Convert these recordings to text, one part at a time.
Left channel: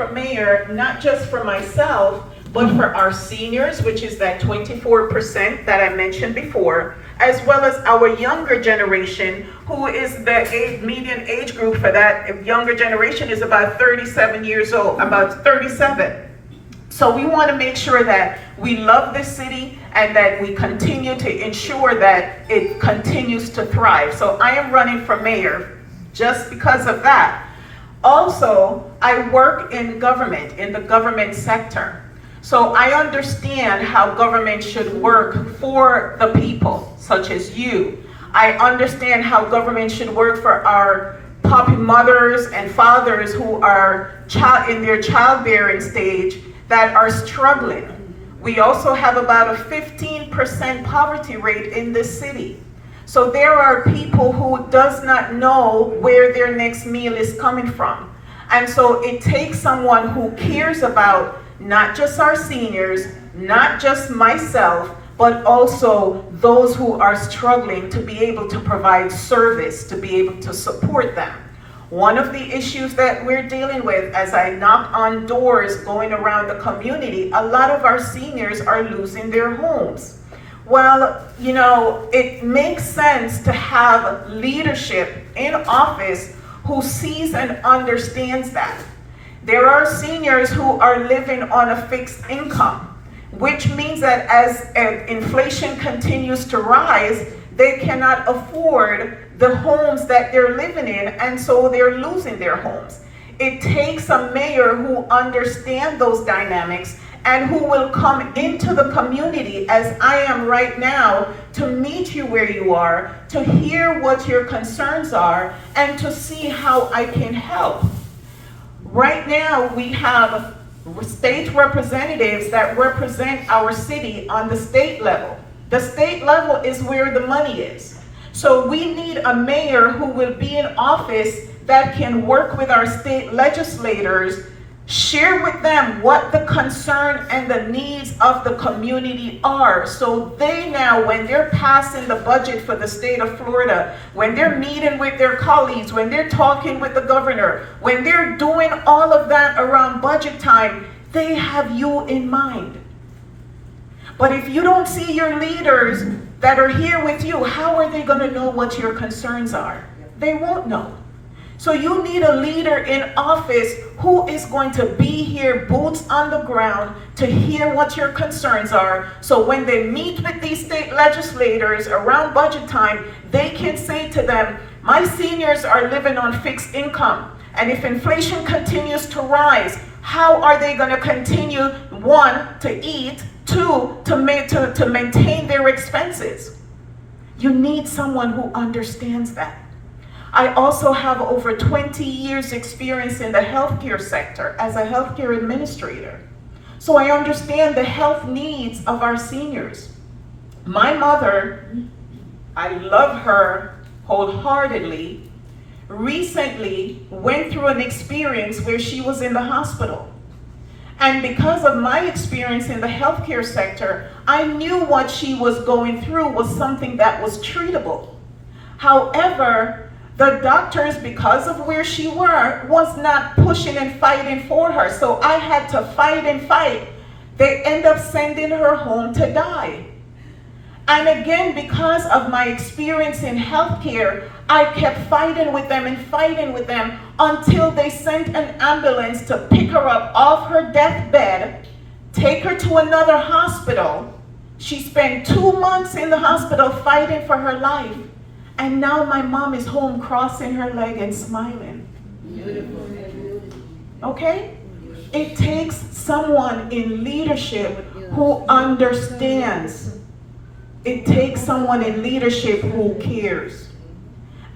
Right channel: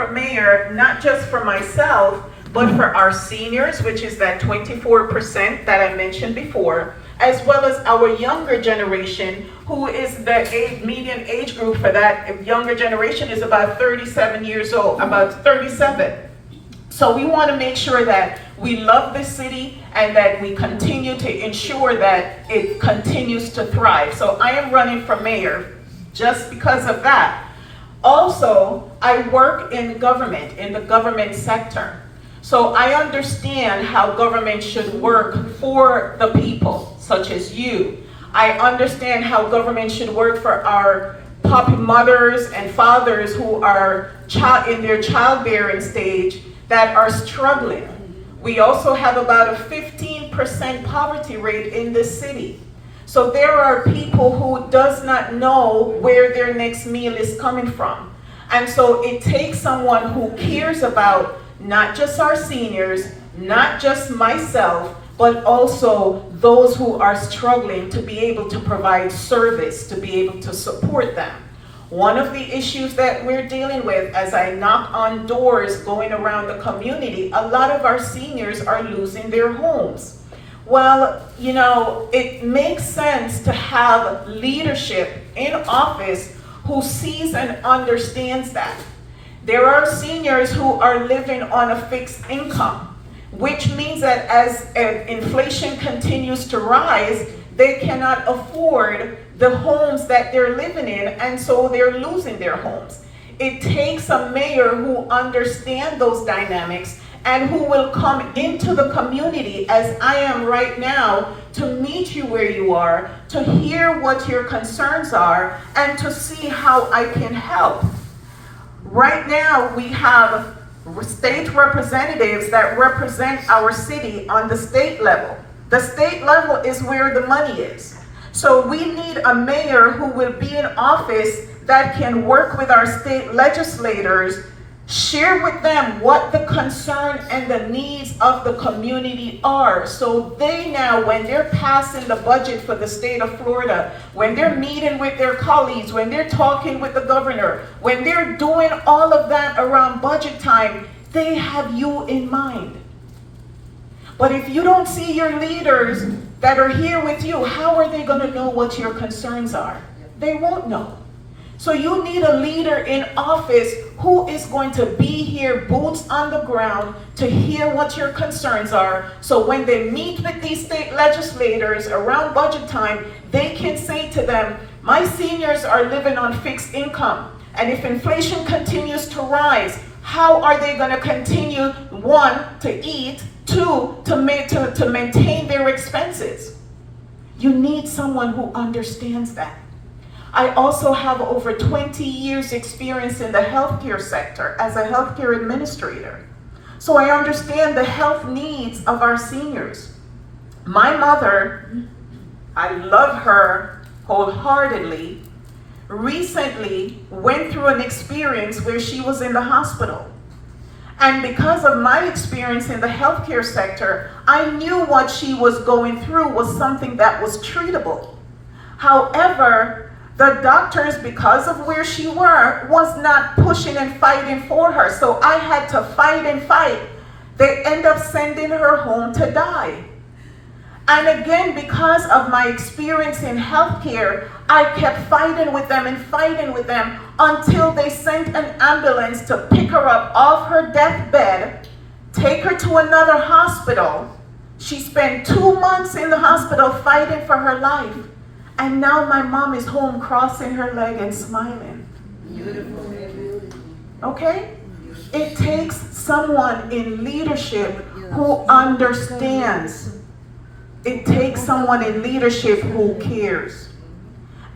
for mayor, not just for myself, but for our seniors, which is that 24% that I mentioned before, as well as our younger generation, who is the median age group for that younger generation is about 37 years old, about 37. So we want to make sure that we love this city and that we continue to ensure that it continues to thrive. So I am running for mayor just because of that. Also, I work in government, in the government sector. So I understand how government should work for the people, such as you. I understand how government should work for our puppy mothers and fathers who are in their childbearing stage that are struggling. We also have about a 15% poverty rate in this city. So there are people who does not know where their next meal is coming from. And so it takes someone who cares about not just our seniors, not just myself, but also those who are struggling to be able to provide service, to be able to support them. One of the issues that we're dealing with as I knock on doors going around the community, a lot of our seniors are losing their homes. Well, you know, it makes sense to have leadership in office who sees and understands that. There are seniors who are living on a fixed income, which means that as inflation continues to rise, they cannot afford the homes that they're living in, and so they're losing their homes. It takes a mayor who understands those dynamics and who will come into the community, as I am right now, to meet you where you are, to hear what your concerns are, and to see how I can help. Right now, we have state representatives that represent our city on the state level. The state level is where the money is. So we need a mayor who will be in office that can work with our state legislators, share with them what the concern and the needs of the community are. So they now, when they're passing the budget for the state of Florida, when they're meeting with their colleagues, when they're talking with the governor, when they're doing all of that around budget time, they have you in mind. But if you don't see your leaders that are here with you, how are they going to know what your concerns are? They won't know. So you need a leader in office who is going to be here, boots on the ground, to hear what your concerns are. So when they meet with these state legislators around budget time, they can say to them, my seniors are living on fixed income. And if inflation continues to rise, how are they going to continue, one, to eat, two, to maintain their expenses? You need someone who understands that. I also have over 20 years experience in the healthcare sector as a healthcare administrator. So I understand the health needs of our seniors. My mother, I love her wholeheartedly, recently went through an experience where she was in the hospital. And because of my experience in the healthcare sector, I knew what she was going through was something that was treatable. However, the doctors, because of where she was not pushing and fighting for her. So I had to fight and fight. They end up sending her home to die. And again, because of my experience in healthcare, I kept fighting with them until they sent an ambulance to pick her up off her deathbed, take her to another hospital. She spent 2 months in the hospital fighting for her life. And now my mom is home crossing her leg and smiling. Beautiful. Okay? It takes someone in leadership who understands. It takes someone in leadership who cares.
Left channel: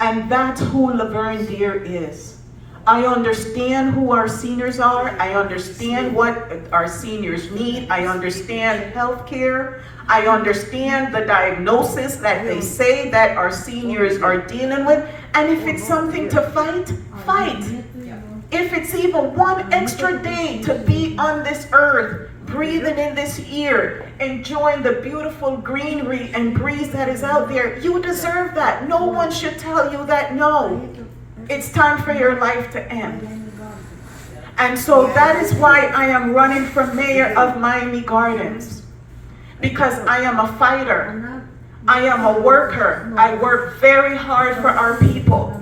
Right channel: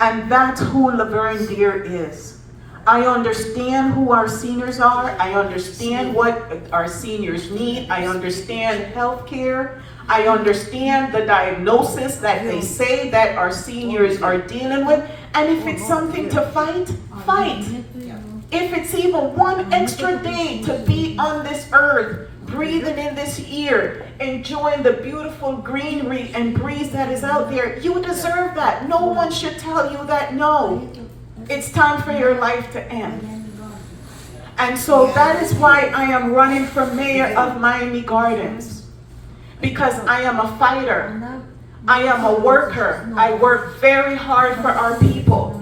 And that's who Lavern Deer is. I understand who our seniors are. I understand what our seniors need. I understand healthcare. I understand the diagnosis that they say that our seniors are dealing with. And if it's something to fight, fight. If it's even one extra day to be on this earth, breathing in this air, enjoying the beautiful greenery and breeze that is out there, you deserve that. No one should tell you that no. It's time for your life to end. And so that is why I am running for mayor of Miami Gardens. Because I am a fighter. I am a worker. I work very hard for our people.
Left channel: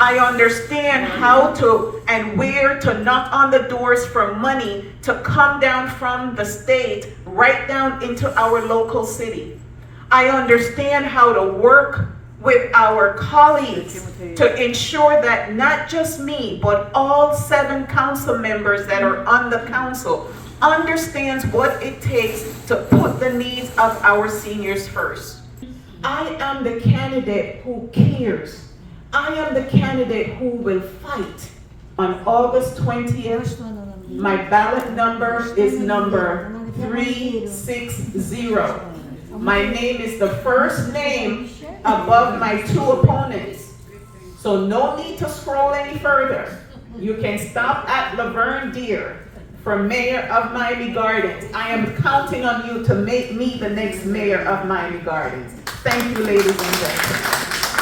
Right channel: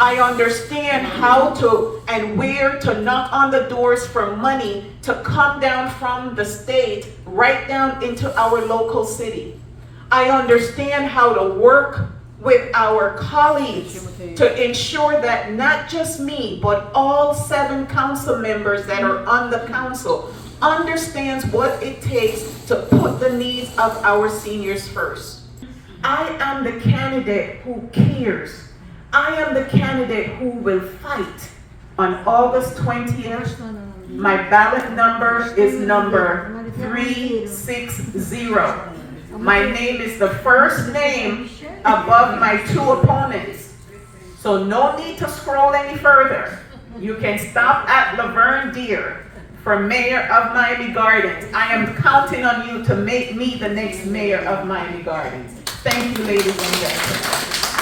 I understand how to and where to knock on the doors for money to come down from the state right down into our local city. I understand how to work with our colleagues to ensure that not just me, but all 7 council members that are on the council understands what it takes to put the needs of our seniors first. I am the candidate who cares. I am the candidate who will fight. On August 20th, my ballot number is number 360. My name is the first name above my 2 opponents. So no need to scroll any further. You can stop at Lavern for mayor of Miami Gardens. I am counting on you to make me the next mayor of Miami Gardens. Thank you, ladies and gentlemen.